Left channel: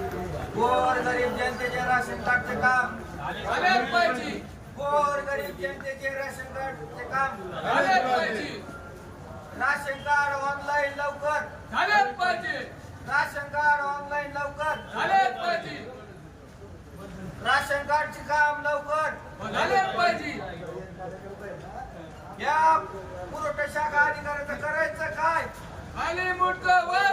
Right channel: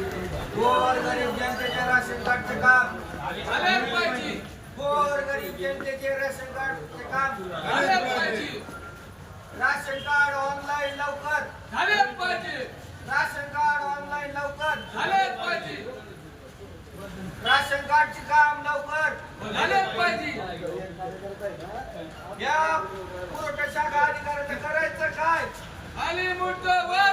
गोरगरीब जनतेचे राशन कार्डचे काम झालेच पाहिजे. गोरगरीब जनतेचे राशन कार्डचे काम झालेच पाहिजे. राशन कार्ड ऑनलाईन लवकर झालेच पाहिजे. राशन कार्ड ऑनलाईन लवकर झालेच पाहिजे. राशन कार्डचे काम लवकर झालेच पाहिजे. या पुरवठा शाखा अधिकाऱ्याचं करायचं काय? खाली मुंडक वर